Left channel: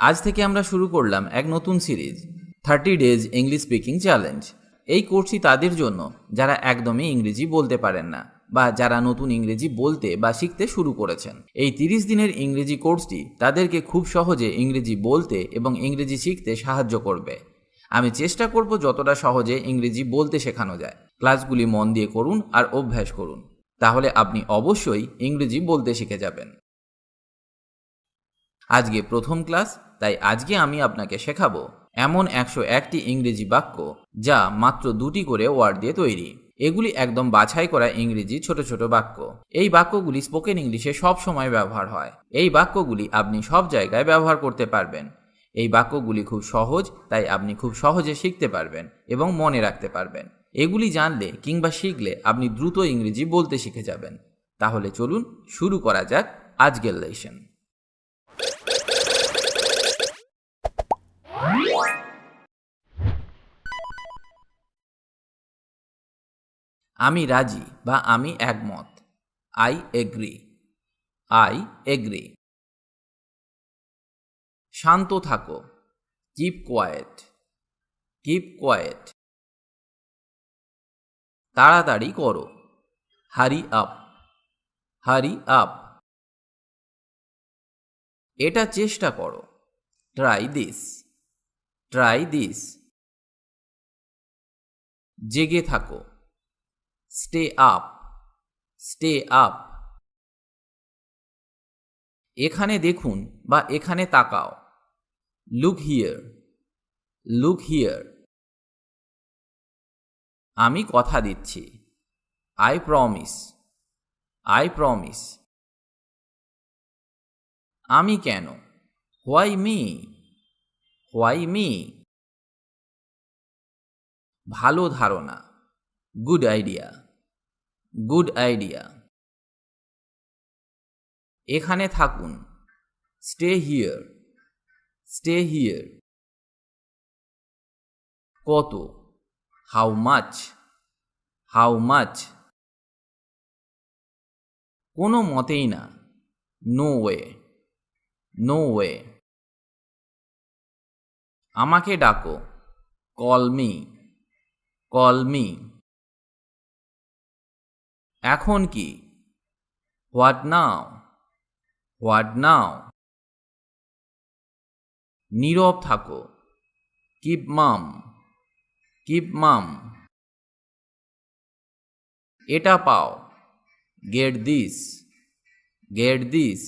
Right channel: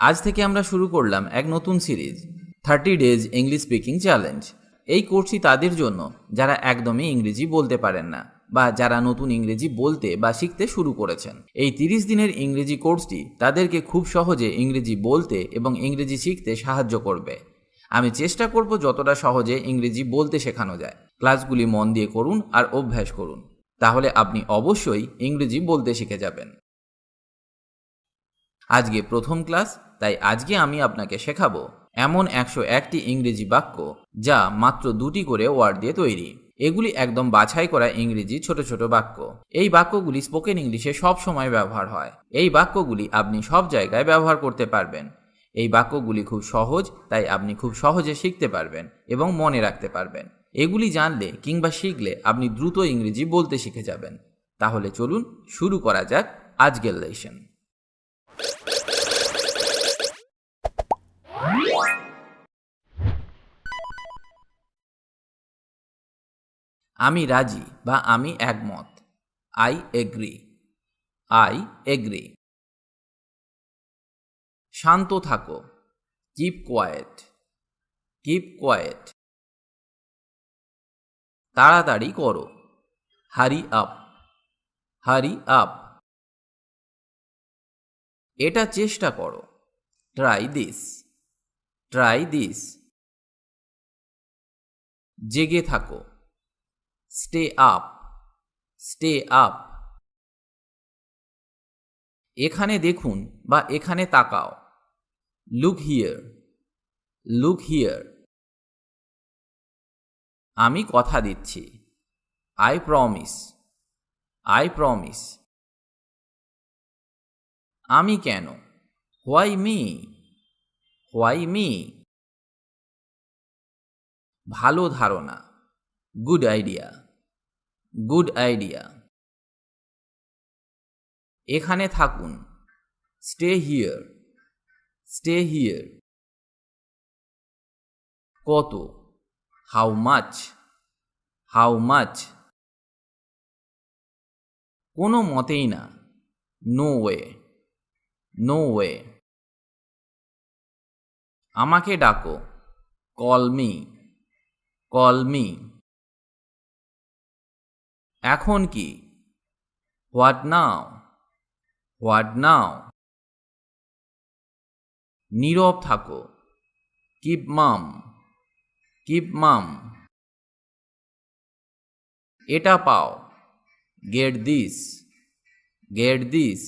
আজ থেকে আমরা শুরু করলাম এক নতুন series 30 days English speaking challenge. এই কোর্সটি তাদের জন্য যারা একদমই ইংরেজি বলতে পারেন না বা যারা নতুন ইংরেজি বলতে বা শিখতে শুরু করেছেন। এই 30 দিনের ইংরেজি কোর্সটি তাদেরকে খুব সহজে ইংরেজি বলতে এবং ইংরেজি শিখতে সাহায্য করবে। আমি চেষ্টা করব যতটা সহজে ইংরেজি বলতে শেখানো যায়। ক্লাসগুলি মন দিয়ে করুন আর অভ্যাস করুন, তাহলে আপনি অবশ্যই ইংরেজি বলতে শিখে যাবেন। আজকে প্রথম ক্লাস, তাই আজকে আমি আপনাকে শেখাবো এমন 101টি ইংরেজি বাক্য যা মাত্র 2টি করে ওয়ার্ড দিয়ে তৈরি। এগুলি একদম বাছাই করা ইংরেজি ছোট ছোট বাক্য। এই বাক্যগুলি স্পোকেন ইংলিশে সব সময় ব্যবহার হয়। এই বাক্যগুলি আপনি সব জায়গায় ব্যবহার করতে পারবেন। এই বাক্যগুলি খুব সহজ, তাই আপনি খুব সহজে শিখতে পারবেন এবং মনে রাখতে পারবেন। এগুলি জানলে কিংবা শিখলে আপনি দ্রুত ইংরেজি বলতে শিখে যাবেন। তাহলে চলুন শুরু করা যাক আজকের লেসন। আমি রাজি বা আমি একমত। I agree. I agree. শান্ত থাকো। Keep quiet. Keep quiet. তাড়াতাড়ি করো। Hurry up. Hurry up. এটা চেষ্টা করো। Try this. Try this. জেগে থাকো। Stay up. Stay up. এখানে দেখুন বা এখানে তাকাও। Look here. Look here. আমি কথা দিচ্ছি। I promise. I promise. আমি কেন? Why me. Why me. ভালো ধারণা। Good idea. Good idea. এখানে থাকুন। Stay here. Stay here. কত? How much. How much. কোনো মতেই না। No way. No way. আমাকে ডাকো। Call me. Call me. এখন কি? What now. What now. নীরব থাকো। Keep mum. Keep mum. এটা পাও। Get this. Get this.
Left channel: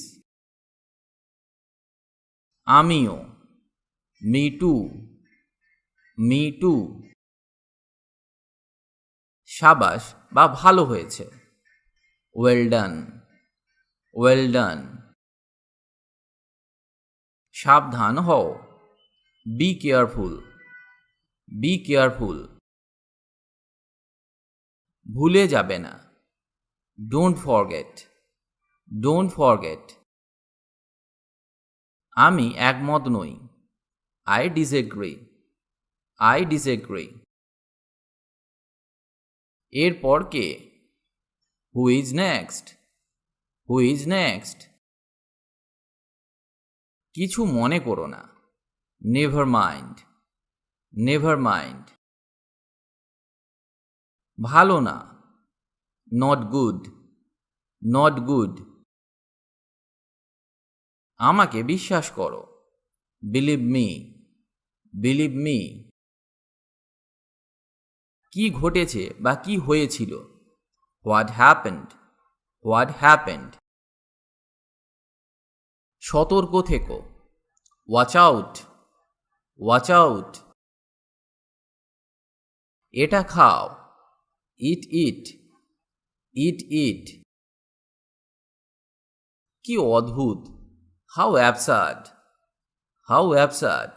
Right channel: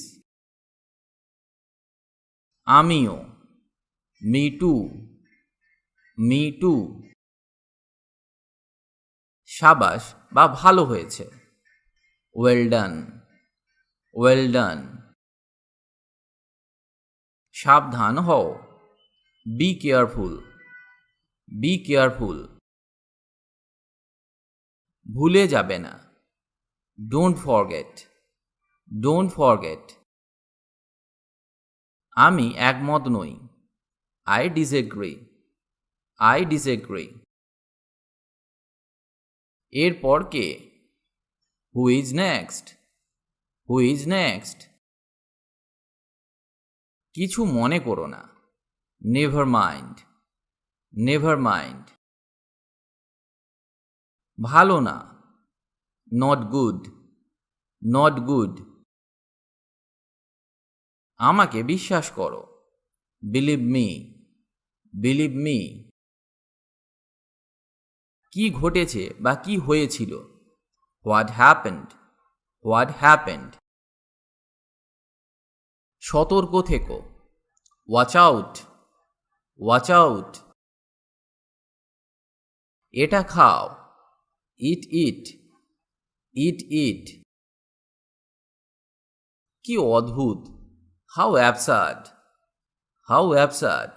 আমিও। Me too. Me too. সাবাস বা ভালো হয়েছে। Well done. Well done. সাবধান হও। Be careful. Be careful. ভুলে যাবে না। Don't forget. Don't forget. আমি একমত নই। I disagree. I disagree. এরপর কে? Who is next. Who is next. কিছু মনে করো না। Never mind. Never mind. ভালো না। Not good. Not good. আমাকে বিশ্বাস করো। Believe me. Believe me. কি ঘটেছে বা কি হয়েছিল? What happened. What happened. সতর্ক থেকো। Watch out. Watch out. এটা খাও। ইট ইট। ইট ইট। কি অদ্ভুত। How absurd. How absurd.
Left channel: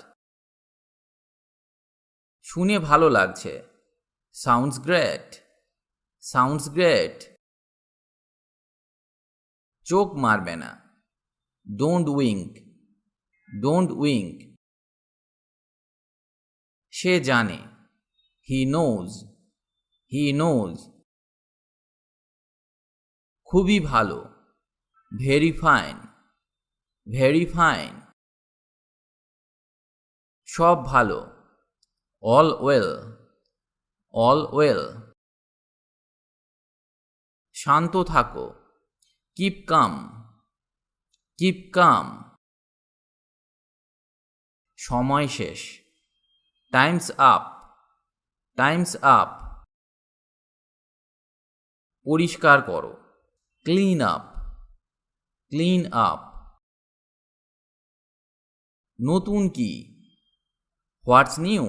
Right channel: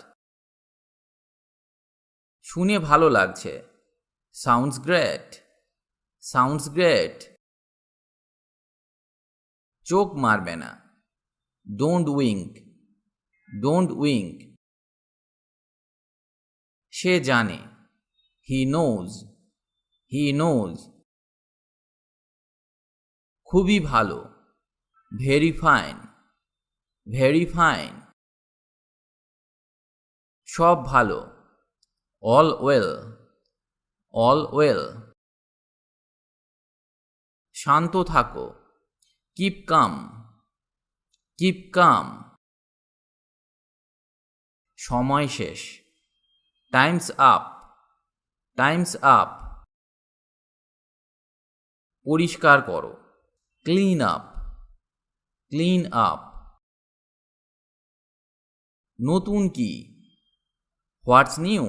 শুনে ভালো লাগছে। Sounds great. Sounds great. চোখ মারবে না। ডোন্ট উইঙ্ক। ডোন্ট উইঙ্ক। সে জানে। He knows. He knows. খুবই ভালো। Very fine. Very fine. সব ভালো, অল ওয়েল, অল ওয়েল। শান্ত থাকো, কিপ কাম, কিপ কাম। সময় শেষ, টাইমস আপ, টাইমস আপ। পরিষ্কার করো, ক্লিন আপ, ক্লিন আপ। নতুন কি, হোয়াটস নিউ,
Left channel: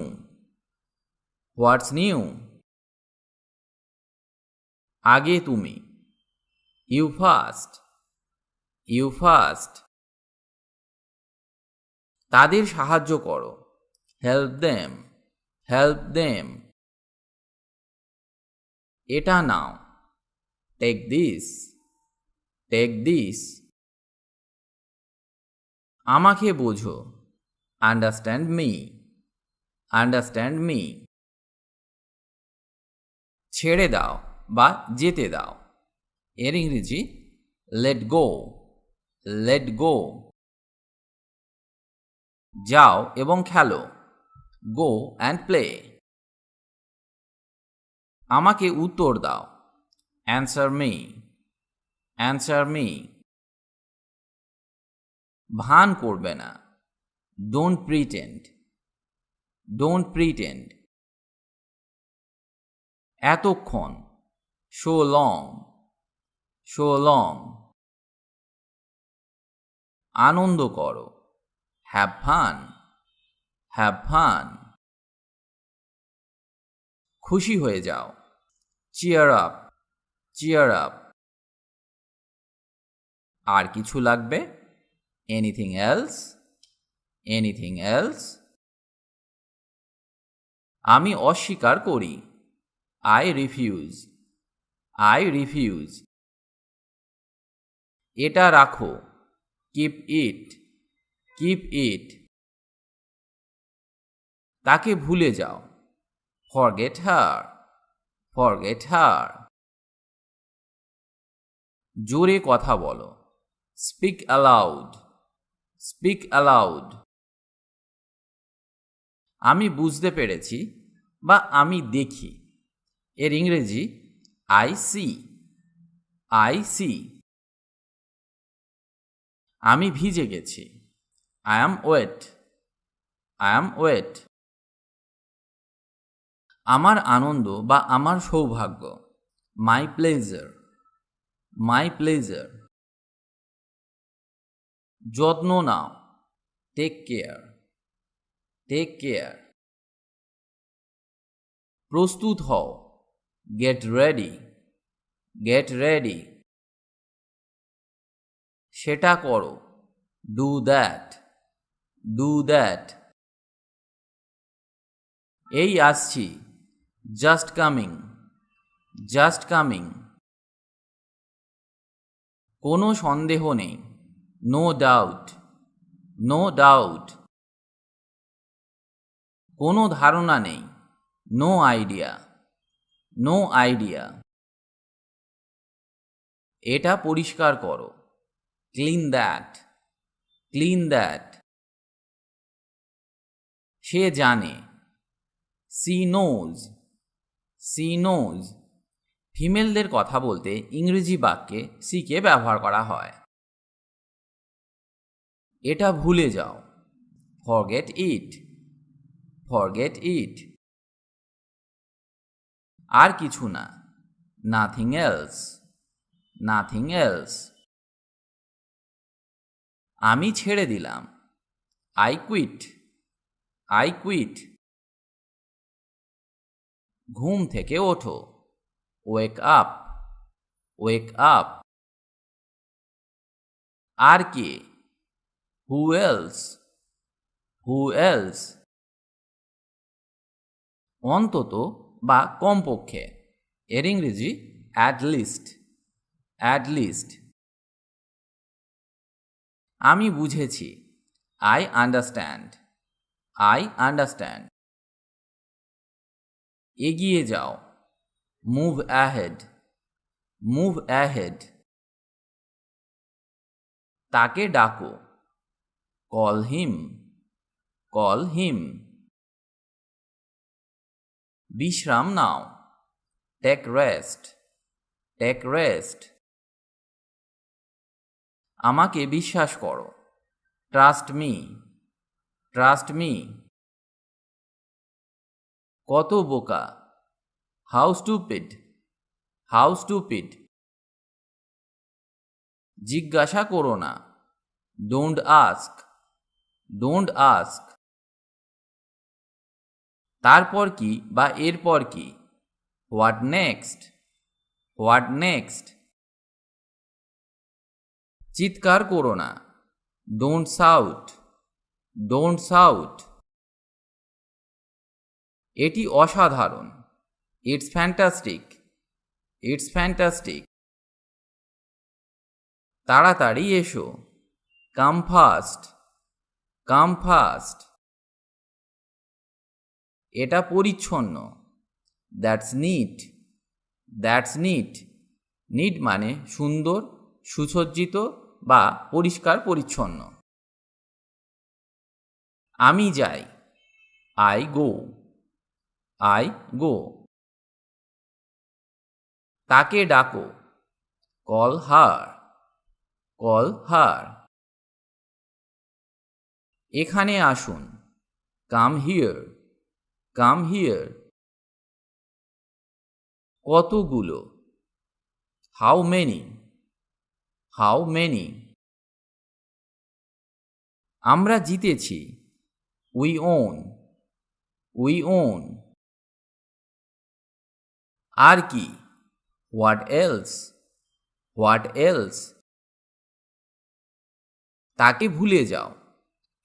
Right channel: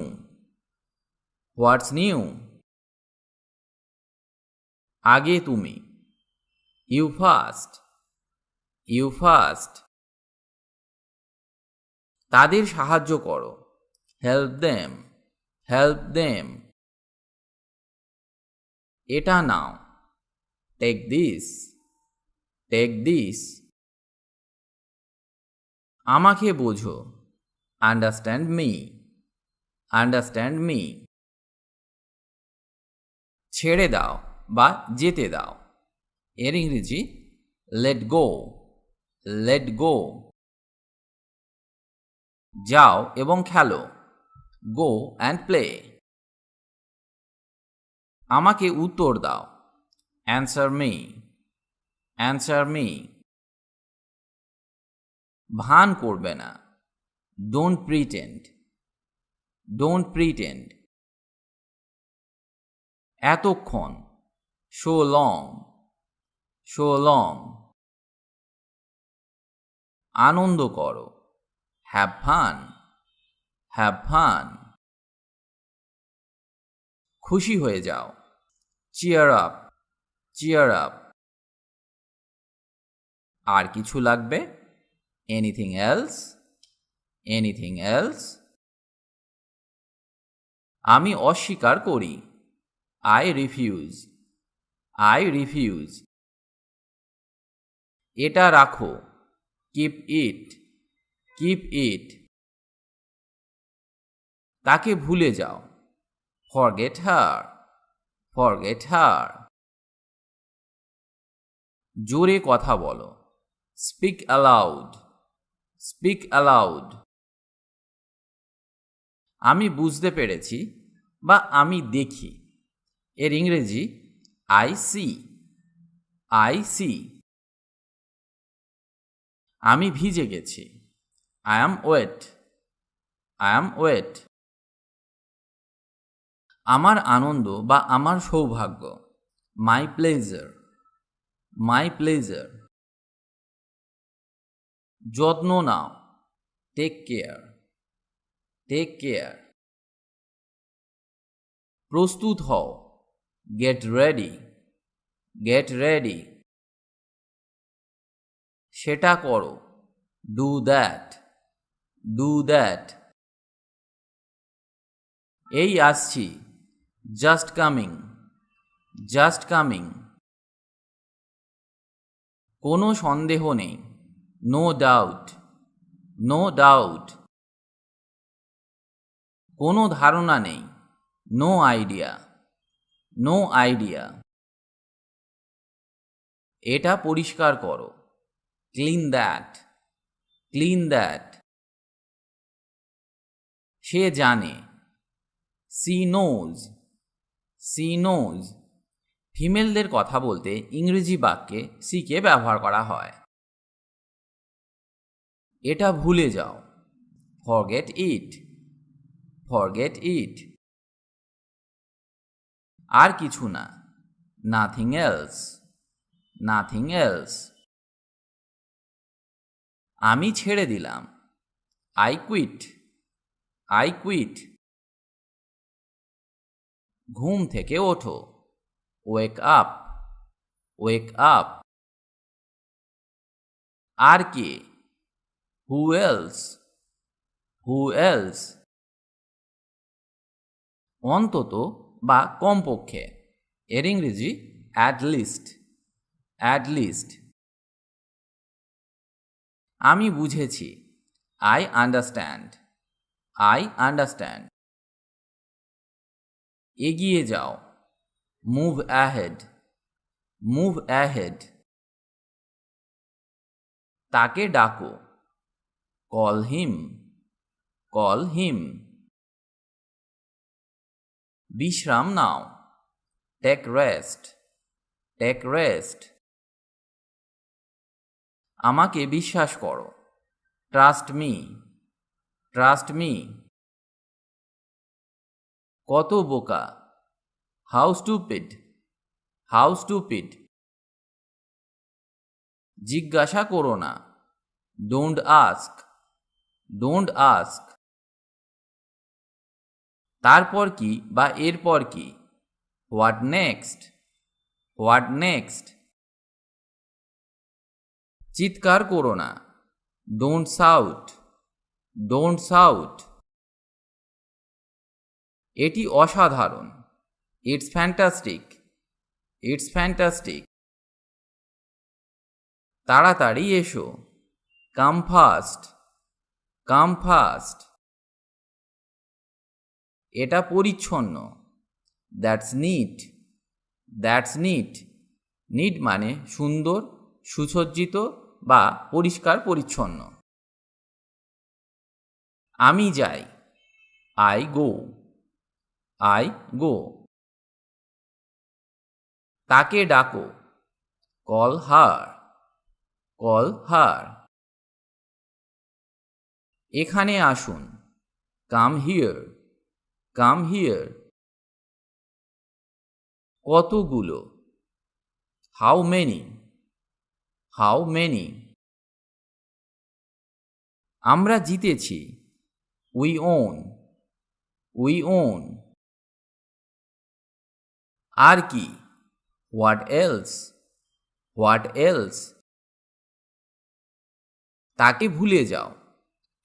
হোয়াটস নিউ। আগে তুমি, ইউ ফার্স্ট, ইউ ফার্স্ট। তাদের সাহায্য করো, হেল্প দেম, হেল্প দেম। এটা নাও, টেক দিস, টেক দিস। আমাকে বোঝো, আন্ডারস্ট্যান্ড মি, আন্ডারস্ট্যান্ড মি। ছেড়ে দাও বা যেতে দাও, এর ইংরেজি লেট গো, লেট গো। যাও এবং খেলো, গো অ্যান্ড প্লে। আমাকে উত্তর দাও, অ্যান্সার মি, অ্যান্সার মি। ভান করবে না, ডোন্ট প্রিটেন্ড, ডোন্ট প্রিটেন্ড। এতক্ষণ, সো লং, সো লং। আনন্দ করো, হ্যাভ ফান, হ্যাভ ফান। খুশি হয়ে যাও, চিয়ার আপ, চিয়ার আপ। আর কিছু লাগবে, এনিথিং এলস, এনিথিং এলস। আমি অস্বীকার করি, আই রিফিউজ, আই রিফিউজ। এটা রাখো, কিপ ইট, কিপ ইট। তাকে ভুলে যাও, ফরগেট হার, ফরগেট হার। জোরে কথা বলো, স্পিক অ্যালাউড, স্পিক অ্যালাউড। আমি বুঝতে পেরেছি বা আমি দেখি, এর ইংরেজি আই সি, আই সি। আমি ভিজে গেছি, I am wet, I am wet. আমার আনন্দ বা আমার সৌভাগ্য, মাই প্লেজার, মাই প্লেজার। যত্ন নাও, টেক কেয়ার, টেক কেয়ার। প্রস্তুত হও, গেট রেডি, গেট রেডি। সেটা করো, ডু দ্যাট, ডু দ্যাট। এই আসছি, জাস্ট কামিং, জাস্ট কামিং। কোনো সন্দেহ নেই, নো ডাউট, নো ডাউট। কোনো ধারণা নেই, নো আইডিয়া, নো আইডিয়া। এটা পরিষ্কার করো, ক্লিন দ্যাট, ক্লিন দ্যাট। সে জানে, সি নোজ, সি নোজ। ফিমেলদের কথা বলতে ইংরেজি বাক্যে সিকে ব্যবহার করা হয়। এটা ভুলে যাও, ফরগেট ইট, ফরগেট ইট। আর কিছু না, নাথিং এলস, নাথিং এলস। আমি ছেড়ে দিলাম, আই কুইট, আই কুইট। ঘুম থেকে ওঠো, ওয়েক আপ, ওয়েক আপ। আর কে, হু এলস, হু এলস। অন্তত বা কমপক্ষে, এর ইংরেজি অ্যাট লিস্ট, অ্যাট লিস্ট। আমি বুঝেছি, আই আন্ডারস্ট্যান্ড, আই আন্ডারস্ট্যান্ড। এগিয়ে যাও, মুভ অ্যাহেড, মুভ অ্যাহেড। তাকে ডাকো, কল হিম, কল হিম। বিশ্রাম নাও, টেক রেস্ট, টেক রেস্ট। আমাকে বিশ্বাস করো, ট্রাস্ট মি, ট্রাস্ট মি। কত বোকা, হাউ স্টুপিড, হাউ স্টুপিড। জিজ্ঞাসা করো না, ডোন্ট আস্ক, ডোন্ট আস্ক। তারপর কি বা এরপর কি, হোয়াট নেক্সট, হোয়াট নেক্সট। চিৎকার করো না, ডোন্ট শাউট, ডোন্ট শাউট। এটি অসাধারণ, ইটস ফ্যান্টাস্টিক, ইটস ফ্যান্টাস্টিক। তাড়াতাড়ি এসো, কাম ফাস্ট, কাম ফাস্ট। এটা পরিচ্ছন্ন, that's neat, that's neat. Neat মানে সুন্দর, সুসজ্জিত বা পরিষ্কার পরিচ্ছন্ন। আমি যাই, আই গো, আই গো। তাকে ডাকো, কল হার, কল হার। এখানে আসুন, কাম হিয়ার, কাম হিয়ার। কতগুলো, হাউ মেনি, হাউ মেনি। আমরা জিতেছি, উই ওন, উই ওন। আর কি, হোয়াট এলস, হোয়াট এলস। তাকে ভুলে যাও,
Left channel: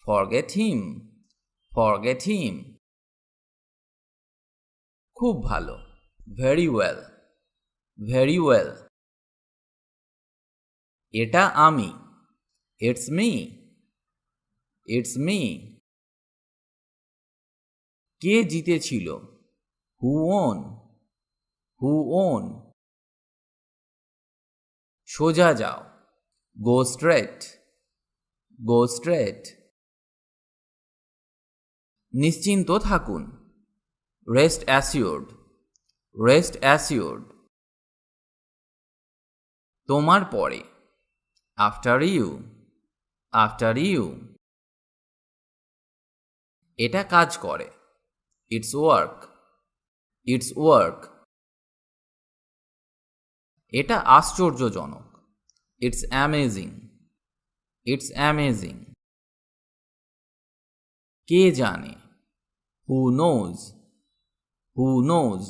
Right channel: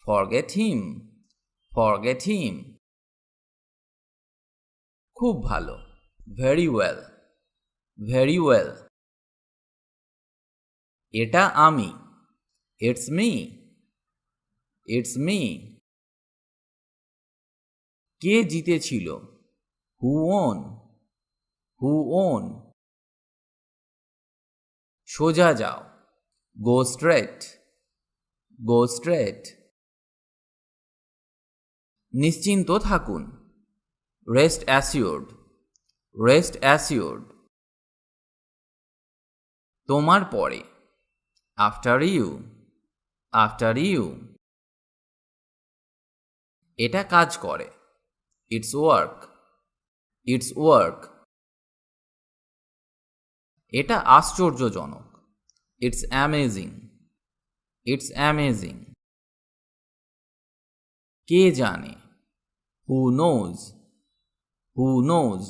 ফরগেট হিম, ফরগেট হিম। খুব ভালো, ভেরি ওয়েল, ভেরি ওয়েল। এটা আমি, ইটস মি, ইটস মি। কে জিতেছিল, হু ওন, হু ওন। সোজা যাও, গো স্ট্রেট, গো স্ট্রেট। নিশ্চিন্ত থাকুন, রেস্ট অ্যাসিওর্ড, রেস্ট অ্যাসিওর্ড। তোমার পরে, আফটার ইউ, আফটার ইউ। এটা কাজ করে, ইটস ওয়ার্ক, ইটস ওয়ার্ক। এটা আশ্চর্যজনক, ইটস অ্যামেজিং, ইটস অ্যামেজিং। কে জানে, হু নোজ, হু নোজ।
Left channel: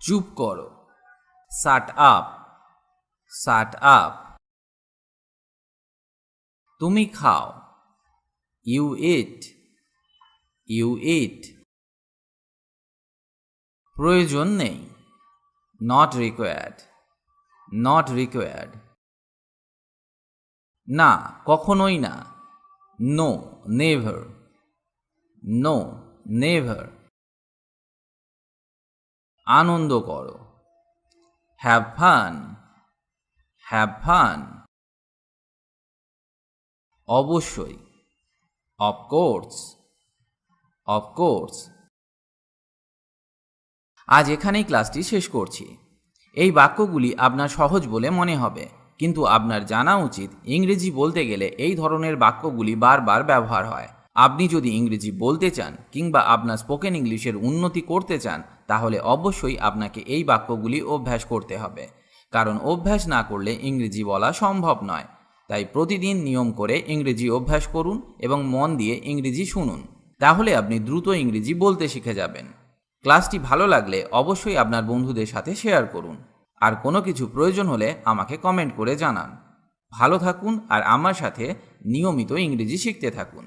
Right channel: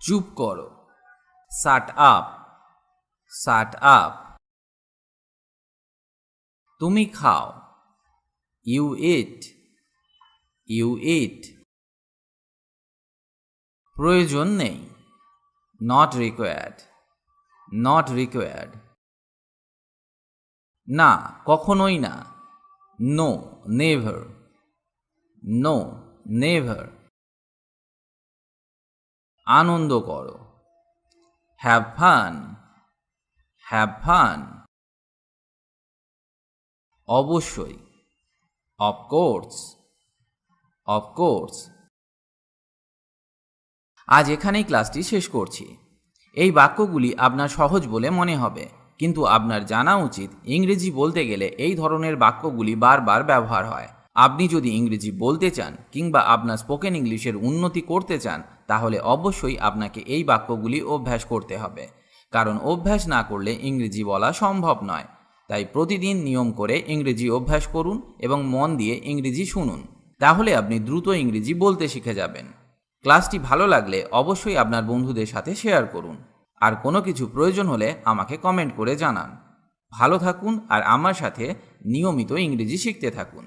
চুপ করো, শাট আপ, শাট আপ। তুমি খাও, ইউ ইট, ইউ ইট। প্রয়োজন নেই, নট রিকোয়ার্ড, নট রিকোয়ার্ড। না, কখনোই না, নো, নেভার, নো, নেভার। আনন্দ করো, হ্যাভ ফান, হ্যাভ ফান। অবশ্যই, অফকোর্স, অফকোর্স। আজ এখানেই ক্লাসটি শেষ করছি। এই বাক্যগুলি আপনার সহজ বলে মনে হবে, কিন্তু আপনার জানা উচিত ইংরেজি বলতে গেলে এই ধরনের বাক্যগুলি বারবার ব্যবহার হয়। আপনি যদি ইংরেজি বলতে চান কিংবা আপনার স্পোকেন ইংলিশের উন্নতি করতে চান, তাহলে অবশ্যই আপনাকে এই বাক্যগুলি অভ্যাস করতে হবে, কারণ অভ্যাস না করলে ইংরেজি বলা সম্ভব নয়। তাই প্রতিদিন নিয়ম করে ইংরেজি অভ্যাস করুন এবং মন দিয়ে ইংরেজি শুনুন, তাহলে আপনি দ্রুত ইংরেজি বলতে শিখে যাবেন। ক্লাসটি ভালো লাগলে অবশ্যই আপনার বন্ধুদের সাথে শেয়ার করুন, আর কোনো কিছু প্রয়োজন হলে আমাকে কমেন্ট করে জানান। ভালো থাকুন আর আমার সাথে নিয়মিত ইংরেজি শিখতে থাকুন।